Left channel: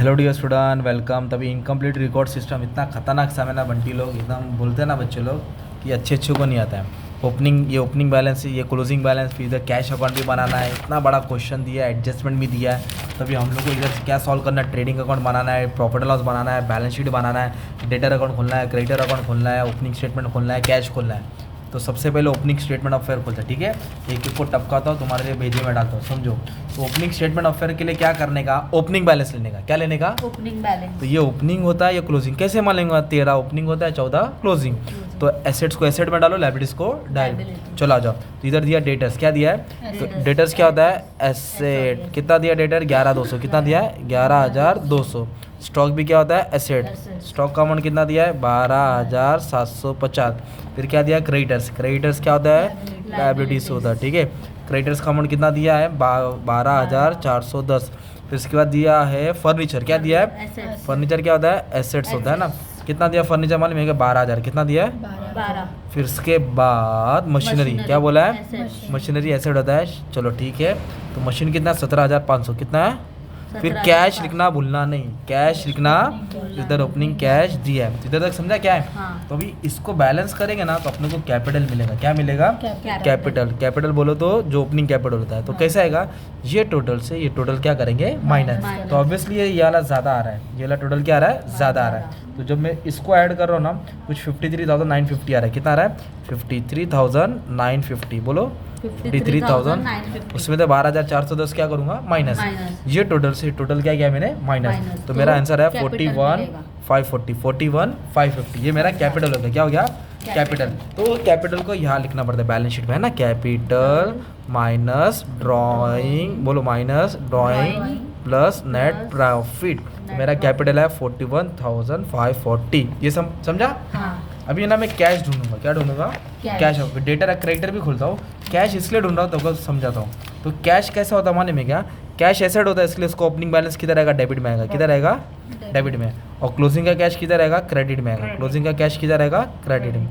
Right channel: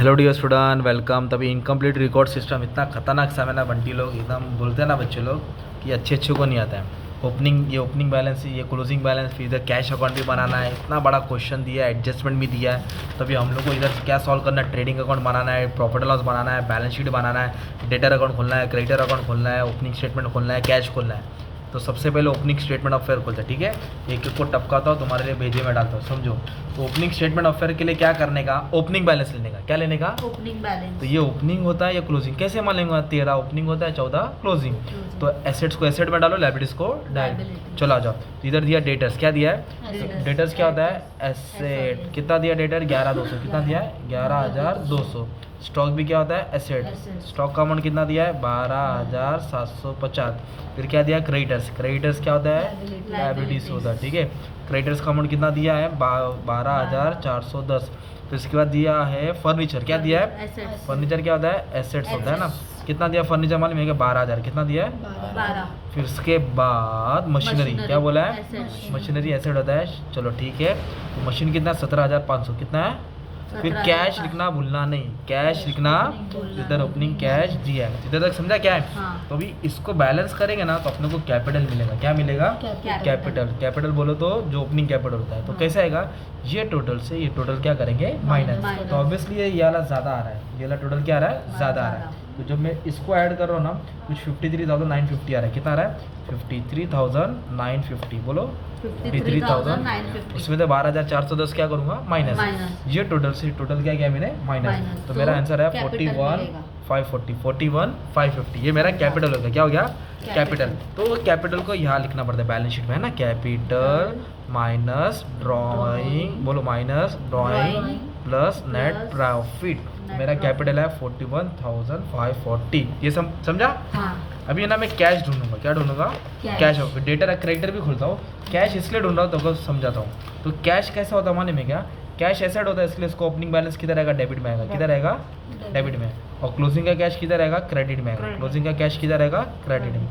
Hello dear student, welcome. तभी incomplete record system इतना खतरनाक सा है ना बंटी लोग, एकदम बोलते हैं ना बच्चे लोग कि अच्छे को नहीं आता है। ओपनिंग बैलेंस, ये क्लोजिंग बैलेंस, फिर इधर कैश अकाउंट भी बनाना है। इतना बड़ा क्वेश्चन दिया है, एडजस्टमेंट भी दिया है। तभी हम लोग को इधर क्या सॉल्व करना है, ट्रेडिंग अकाउंट बनाना है, प्रॉफिट लॉस बनाना है, बैलेंस शीट बनाना है, डेटर अकाउंट खोलना है, क्रेडिटर अकाउंट खोलना है, ओपनिंग स्टेटमेंट खोलना है, कैश खोलना है। तो सबसे पहले ओपनिंग स्टेटमेंट ऑफ फेयर खोलते हैं, ठीक है। एक एक को टपकाता हूँ, तुम्हारे लिए भेजे में डालता हूँ, समझो। तो ओपनिंग स्टेटमेंट ऑफ फेयर के लिए क्या करने का, ओपनिंग बैलेंस लेने का। क्या लेने का? Opening balance. तो ये ओपनिंग होता है, ये क्लोजिंग। कैसे मानेंगे? 13 ओपनिंग होता है, 14 क्लोजिंग। तो एसेट्स को एसेट में डालो, लायबिलिटीज को डाल। चलो आ जाओ। तो इधर दिया डेटर्स, क्या दिया है? तो डेटर्स क्या होता है? एसेट। कितना दिया डेटर? 11,200। कितना दिया है? 11,200। स्टॉक भी क्या होता है? एसेट। स्टॉक का अमाउंट कितना दिया है? 12,750। फिर क्या दिया? क्रेडिटर्स। क्रेडिटर्स क्या होता है? लायबिलिटीज होता है, ठीक है। क्रेडिटर्स का अमाउंट कितना दिया है? 12,410। फिर उसके बाद दिया है फर्नीचर। क्या दिया है? फर्नीचर क्या होता है? एसेट्स होता है ना। कितना दिया फर्नीचर? मालूम है? 12,000। कितना दिया है? 12। फिर उसके बाद मशीनरी। क्या बोला है? मशीनरी एसेट होता है। चलो ठीक है। तो मशीन कितना? 17,500। कितना है? फिर कैश लिखना भूलना नहीं, कैश लिखना। इधर ओपनिंग कैश दिया है, इधर तक समझा क्या है? हाँ। तो अभी इसको बैलेंस करेंगे ना तो अपने को कैपिटल मिलेगा। क्या मिलेगा? कैपिटल। कैपिटल बोलो तो जो ओपनिंग कैपिटल होता है। तो कैसे आएगा? ये टोटल से ये टोटल क्या करेंगे? माइनस। तो ऑब्वियसली ये वाला ज़्यादा आ रहा है, ये वाला टोटल क्या आ रहा है? ज़्यादा आ रहा है। तो जब मैं इसको ऐड कर रहा हूँ ना, कुछ 53,950 आ रहा है। कितना आ रहा है? 53,950। बोलो 53,000। इसमें तो 12,410 क्या करूँगा? माइनस। ये टोटल से टोटल क्या किया मैंने? माइनस। तो मेरा आंसर है 41,540। 41,550 ये मेरा कैपिटल होगा। क्या हो गया? कैपिटल। तो कैपिटल को यहाँ लिखना पड़ता है बैलेंस शीट में, है ना। कैपिटल माइनस ड्राइंग, बोलो minus drawing plus net profit. मेरा कैपिटल है 41,540। ये समझा? हाँ। अभी ना मैं कैश ढूंढूंगा। क्या ढूंढूंगा? कैश। डेटर क्रेडिटर भी खोलता हूँ। कैश इसलिए ढूंढ रहा हूँ तो समझाता हूँ। तो कैश कैसा होता है माने में? क्या कैश एसेट होता है, इसलिए उसको ओपनिंग बैलेंस किधर आएगा? डेबिट में आएगा। किधर आएगा? डेबिट में। और क्लोजिंग का कैश किधर आएगा? क्रेडिट में आएगा। क्लोजिंग का कैश किधर आएगा? क्रेडिट में।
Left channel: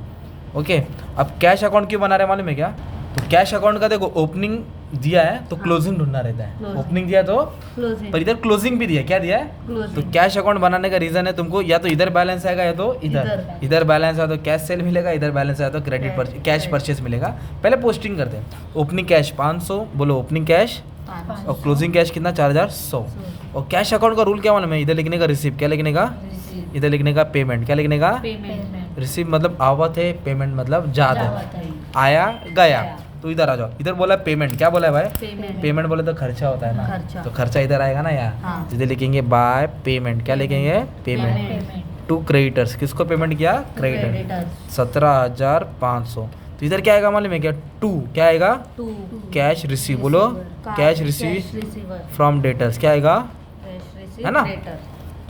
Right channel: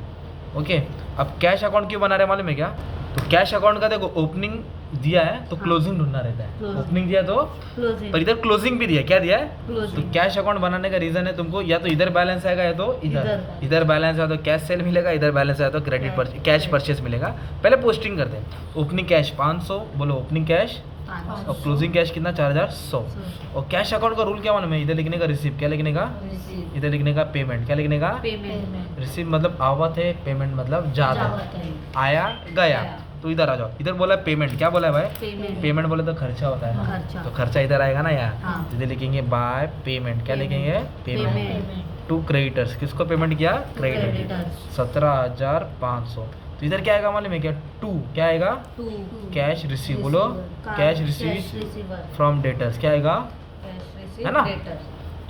ओके। अब कैश अकाउंट क्यों बना रहे हैं मालूम है क्या? तो कैश अकाउंट का देखो, ओपनिंग दिया है तो क्लोजिंग ढूंढना रहता है। ओपनिंग दिया तो इधर क्लोजिंग भी दिया। क्या दिया है? तो कैश अकाउंट बनाने का रीजन है तुमको, या तो इधर बैलेंस आएगा या तो इधर बैलेंस आया तो कैश सेल मिलेगा, इधर बैलेंस आया तो क्रेडिट कैश परचेस मिलेगा। पहले पोस्टिंग करते हैं। ओपनिंग कैश 500, बोलो ओपनिंग कैश, और क्लोजिंग कैश कितना? 4,100। और कैश अकाउंट का रूल क्या मालूम है? इधर लिखने का रिसीव, क्या लिखने का? इधर लिखने का पेमेंट, क्या लिखने का? रिसीव मतलब आवत है, पेमेंट मतलब जाता है, आया गया। तो इधर आ जाओ। इधर बोला पेमेंट। क्या बोला है भाई? पेमेंट बोले तो खर्चा होता है ना, तो खर्चा इधर आएगा ना यार। हाँ। इधर लिखेंगे बाय पेमेंट। क्या लिखेंगे? Payment to creditors. किसको पेमेंट किया? क्रेडिटर। 17,500। तो इधर क्या आएगा मालूम है क्या? टू। क्या आएगा? Cash receive. बोलो कैश रिसीव फ्रॉम डेटर्स। क्या आएगा? है ना।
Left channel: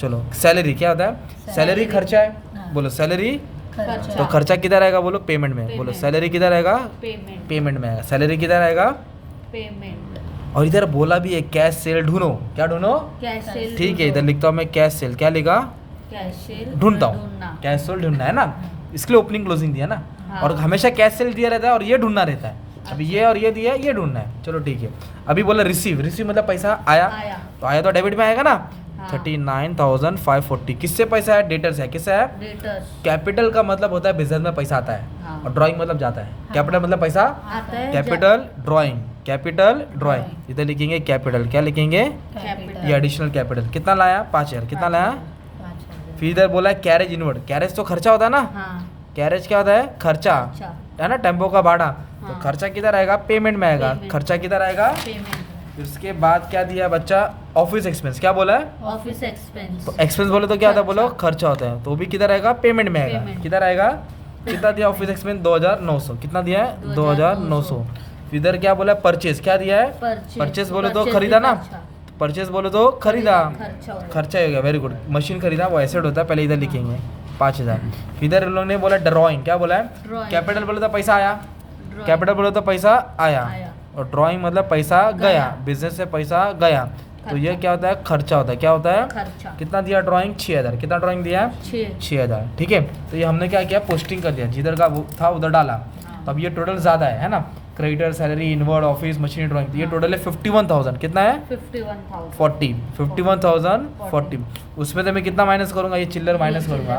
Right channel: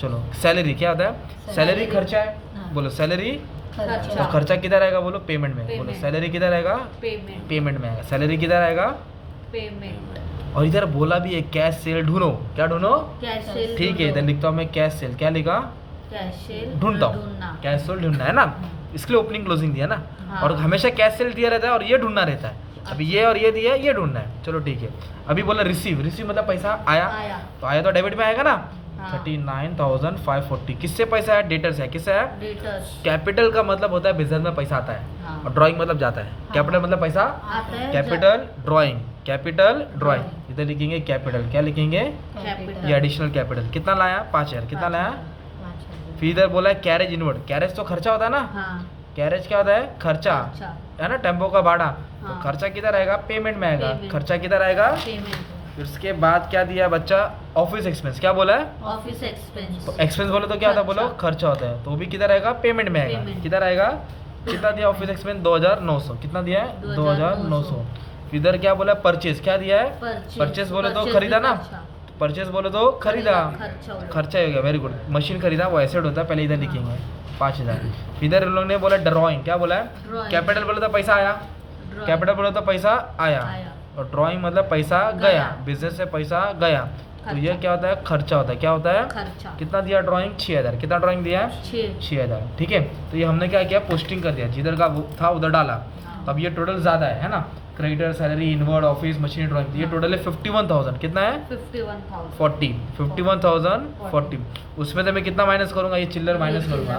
चलो सैलरी क्या होता है? सैलरी खर्चा है। बोलो सैलरी। तो खर्चा किधर आएगा? बोलो पेमेंट में। बोलो सैलरी किधर आएगा? पेमेंट में आएगा। सैलरी किधर आएगा? पेमेंट। और इधर बोला भी है कैश सेल ढूंढो। क्या ढूंढो? ठीक है, इधर लिखता हूँ मैं कैश सेल। क्या लिखा? ढूंढता हूँ। कैश सेल ढूंढना है ना, इसके लिए ओपनिंग क्लोजिंग दिया ना। हाँ। और हमेशा कैश सेल दिया रहता है और ये ढूंढना रहता है। अभी ये और ये दिया है, ये ढूंढना है। चलो ठीक है। अभी बोला रिसीव। रिसीव मतलब पैसा आया। तो आया तो डेबिट में आएगा ना। 39,540 किससे पैसा है? डेटर से है। किससे है? कैपिटल का मतलब होता है बिजनेस में पैसा आता है। हाँ। और ड्राइंग मतलब जाता है। कैपिटल मतलब पैसा आता है। Capital drawing, capital drawing. इधर लिखेंगे कैपिटल। क्या लिखेंगे? ये एडिशनल कैपिटल। कितना लाया? 5,000। कितना लाया? फिर इधर बोला कैरेज इनवर्ड। कैरेज तो खर्चा होता है ना। कैरेज क्या होता है? खर्चा है ना, टेम्पो का भाड़ा। तो खर्चा किधर आएगा? पेमेंट में आएगा। खर्चा किधर आएगा? फिर उसके बाद क्या दिया बच्चा? Office expense. क्या बोला है? Office expense. तो एक्सपेंस बोले तो क्या होता है? बोलो खर्चा होता है। तो वो भी किधर आएगा? पेमेंट में आएगा। किधर आएगा? कितना दिया ऑफिस एक्सपेंस? 2,900। कितना दिया है? 2,900। इधर क्या बोला? परचेज। क्या दिया है? परचेज बोले तो खरीदा ना। परचेज बोले तो खरीदा, खर्चा हो गया। Very good. मशीन खरीदा, वो एसेट होता है। पहले इधर लिखेंगे 5,000। इधर उन लोगों ने बोला ड्राइंग। क्या बोला है? कैपिटल बोले तो पैसा आया, कैपिटल बोले तो पैसा आया, और ड्राइंग मतलब पैसा गया, बिजनेस से पैसा गया। तो ये क्या होता है? खर्चा होता है। क्या होता है? खर्चा। कितना दिया ड्राइंग? 6,000। कितना ड्राइंग दिया? 6,000। ठीक है। तो ये हमने क्या किया? पोस्टिंग कर दिया, जिधर का वो था उधर डाला। तो अब ये टोटल ज़्यादा है ना। Creditor salary inward office machine drawing, ये टोटल है 51,000। कितना है? 51,000 40 51,040। उसमें से मैं कितना माइनस करूंगा? ये चिल्लर माइनस करूंगा।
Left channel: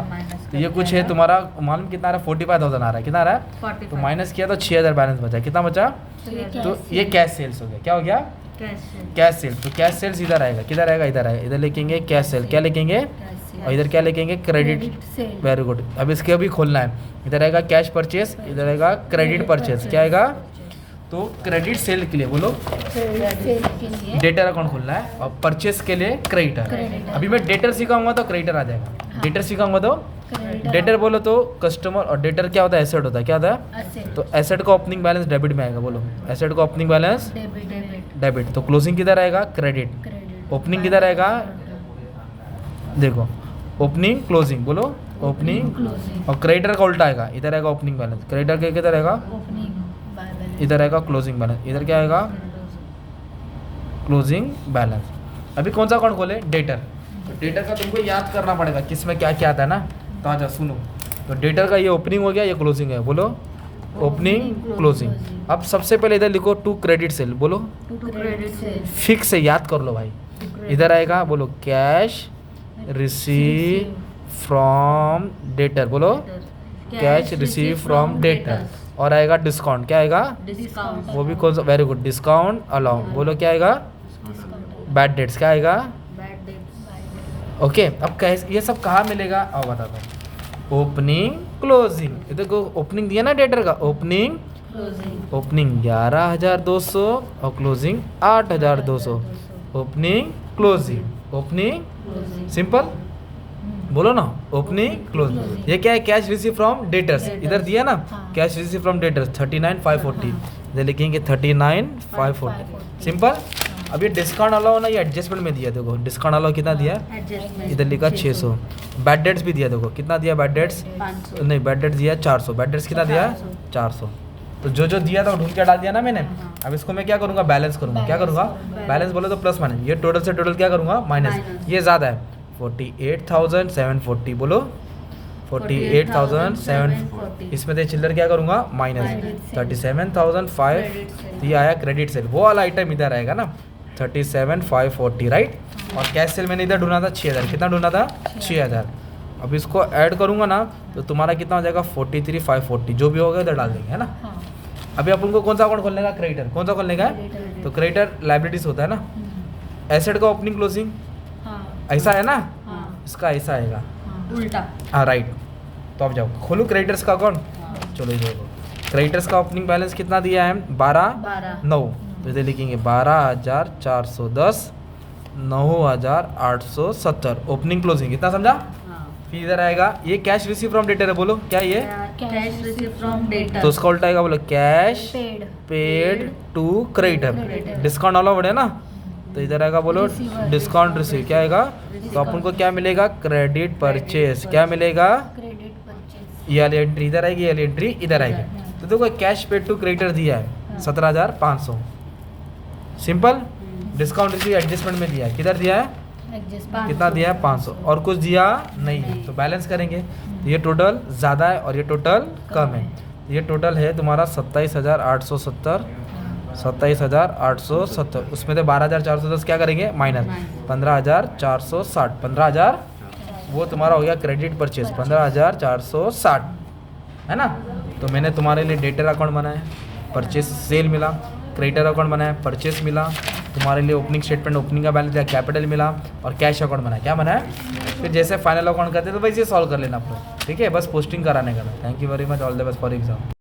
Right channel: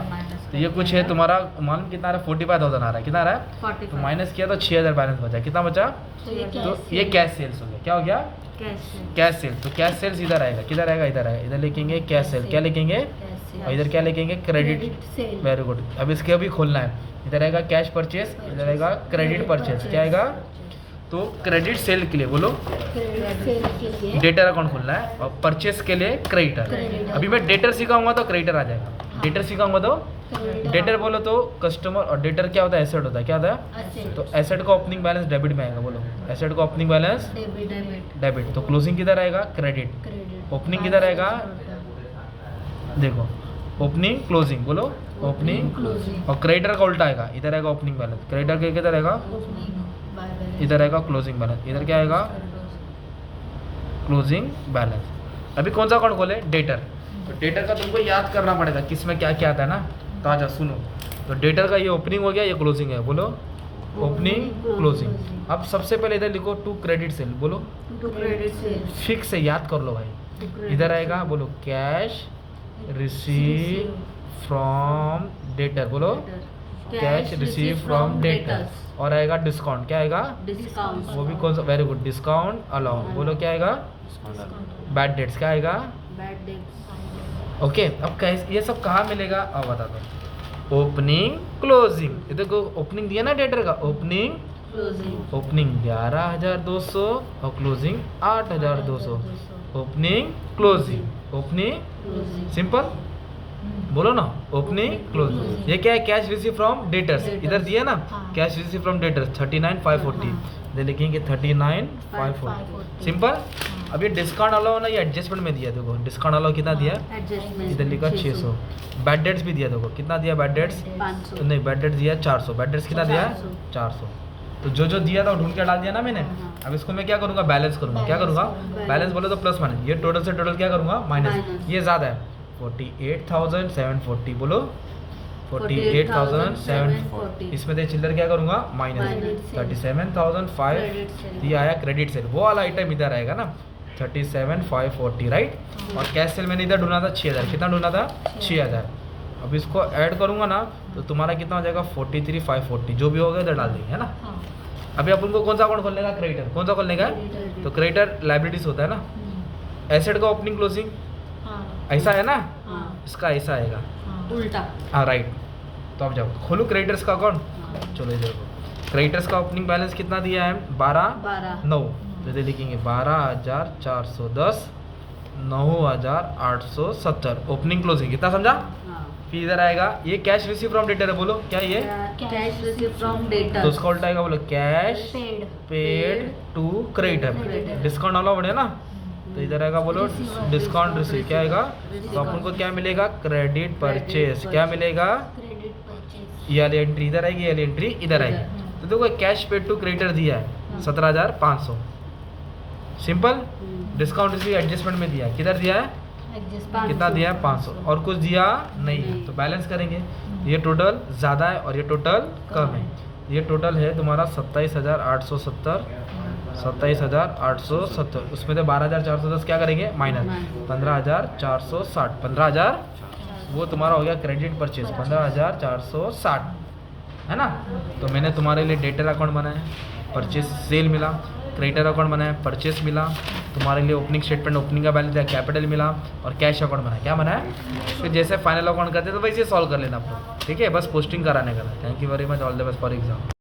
तो ये कुछ है तुम्हारा, मालूम कितना आ रहा है? 45,000 आ रहा है। कितना आ रहा है? 45 तो माइनस किया तो 6,000 बैलेंस बचा। कितना बचा? तो ये कैश सेल्स हो गया। क्या हो गया? Cash cell. तो कैश सेल्स इधर आएगा। किधर आएगा? इधर आएगा। इधर लिखेंगे कैश सेल। क्या लिखेंगे? और इधर क्या लिखेंगे? क्रेडिट। Very good. अब इसके अभी खोलना है। इधर आएगा कैश परचेस, इधर आएगा क्रेडिट परचेस। क्या आएगा? तो क्रेडिट सेल के लिए बोलो डेटर अकाउंट खोलना है, और परचेस के लिए क्रेडिटर। अभी मैं डेटर सिखाऊंगा तो क्रेडिटर आ जाएगा। डेटर सिखाऊंगा तो डेटर बोलो तो कस्टमर, और डेटर क्या होता है? एसेट होता है। क्या होता है? तो एसेट का ओपनिंग बैलेंस डेबिट में आएगा। बोलो एसेट का ओपनिंग बैलेंस डेबिट। तो क्लोजिंग किधर आएगा? क्रेडिट। ओपनिंग किधर आएगा? देखो ओपनिंग क्लोजिंग, बोलो ओपनिंग। और क्रेडिटर का उल्टा आएगा, इधर आएगा ओपनिंग बैलेंस। क्रेडिटर के किधर आएगा? इधर आएगा क्लोजिंग बैलेंस। इधर क्या आएगा? Closing balance. अभी कौन सा अकाउंट खोले? डेटर। तो डेटर का तुमको याद करना पड़ेगा किस में क्या क्या आता है ना। तो आ जाओ सुनो। तो डेटर का ये ओपनिंग हो गया, ये क्लोजिंग है। बोलो ओपनिंग क्लोजिंग। अब सबसे पहले इधर लिखो टू क्रेडिट सेल। बोलो फिक्स है, याद कर लो भाई। इधर आएगा बोलो कैश रिसीव फ्रॉम डेटर। बोलो कैश रिसीव फ्रॉम डेटर। और आएगा डिस्काउंट। क्या आएगा? डिस्काउंट। वो भी कौन सा? Very good, discount allow. बोलो क्या आएगा? Bad debts. क्या आएगा? ओके। अब कैसे ये सब कहाँ मिलेगा? अब बता दो। Opening closing. ये देखो ओपनिंग दिया ना डेटर का। ओपनिंग 11,200 और closing 8,200। Opening closing opening simple. बोलो ना ओपनिंग क्लोजिंग। ये क्या है? Cash receive from debtors. इधर दिया ना कैश रिसीव फ्रॉम डेटर्स 39,540। इधर लिखेंगे 39,540। सिंपल। अब ये डिस्काउंट अलाउ ना, ये एडजस्टमेंट में दिया। देखो डिस्काउंट अलाउ कितना दिया? इधर लिखा 600। बैड डेट्स भी दिया। देखो कितना दिया बैड डेट्स? 500। नहीं, बैड डेट्स दिया 400। बैड डेट्स कितना दिया? 400। तो जो जो दिया था वो ढूंढ के डाल दिया ना मैंने। अब इसको मैं क्या करूँगा? बैलेंस करूँगा। क्या करूँगा? बैलेंस बोलो तो प्लस माइनस। ये टोटल से टोटल क्या करूँगा? माइनस। ये ज़्यादा है 48,740। बोलो 48,740। इसमें से चिल्लर क्या करूँगा? माइनस 37,500। ये आया क्रेडिट सेल। वो वाला आइटम इधर आएगा ना 37,540, राइट। और कैश सेल मैंने इधर ढूंढा था 6,000। कितना ढूंढा था? 6,000। अब इसको ऐड करूँगा ना तो तुम्हारा कितना हो जाएगा? 43,540। जो भी होगा इधर डाल देंगे, है ना। अभी अपन को कौन सा अकाउंट खोलने का? क्रेडिटर। कौन सा खोलने का? तो क्रेडिटर लाइबिलिटीज होता है ना। एसेट का ओपनिंग क्लोजिंग ऐसा है ना, इसका ऐसा आएगा उल्टा। हाँ राइट। तो अब जाओ खोलो क्रेडिटर्स का अकाउंट। चलो ये क्रेडिटर्स का ओपनिंग बैलेंस कितना दिया है? 12,900। तो इधर लिखेंगे 12,410 9,870। ओपनिंग क्लोजिंग कितना समझा? फिर इधर आएगा ये कैश रिसीव फ्रॉम डेटर है। बोलो क्या ये? Cash receive from debtor. तो उसका उल्टा आएगा। बोलो cash paid to creditor. Discount वाला बढ़े ना, तो इधर आएगा बोलो डिस्काउंट रिसीव। क्या आएगा? तो अपन को क्या मिलेगा? Credit purchase. क्या मिलेगा? ये वाली एंट्री इधर आएगी, ये वाली एंट्री इधर आएगी। तो देखो कैश पेड टू क्रेडिटर दिया है 17,500। सिंपल। डिस्काउंट रिसीव एडजस्टमेंट में दिया है। किधर दिया है? कितना दिया है? 500। और कुछ दिया नहीं है। तो बैलेंस करेंगे। ये टोटल ज़्यादा है और ये टोटल कम है। ये टोटल है तुम्हारा 27,870। 27,870। उसमें से 12,410 क्या करेंगे? माइनस 15,460। 15,000 वो तुम्हारा हो गया क्रेडिट परचेस। 15,460 है ना। तो मैंने तुम्हारे लिए डेटर अकाउंट बनाया, परचेस सेल मिला। क्रेडिटर अकाउंट बनाया, परचेस मिला। तुम्हारे लिए ओपनिंग स्टेटमेंट ओपनिंग का बैलेंस दिया, कैपिटल मिला। और कैश अकाउंट बनाया। क्या बनाया? फिर जैसे फाइनल अकाउंट करते तो वैसे सॉल्व कर लेना आप लोग, ठीक है। बस पोस्टिंग कराने का। Thank you very much. All the best for exam.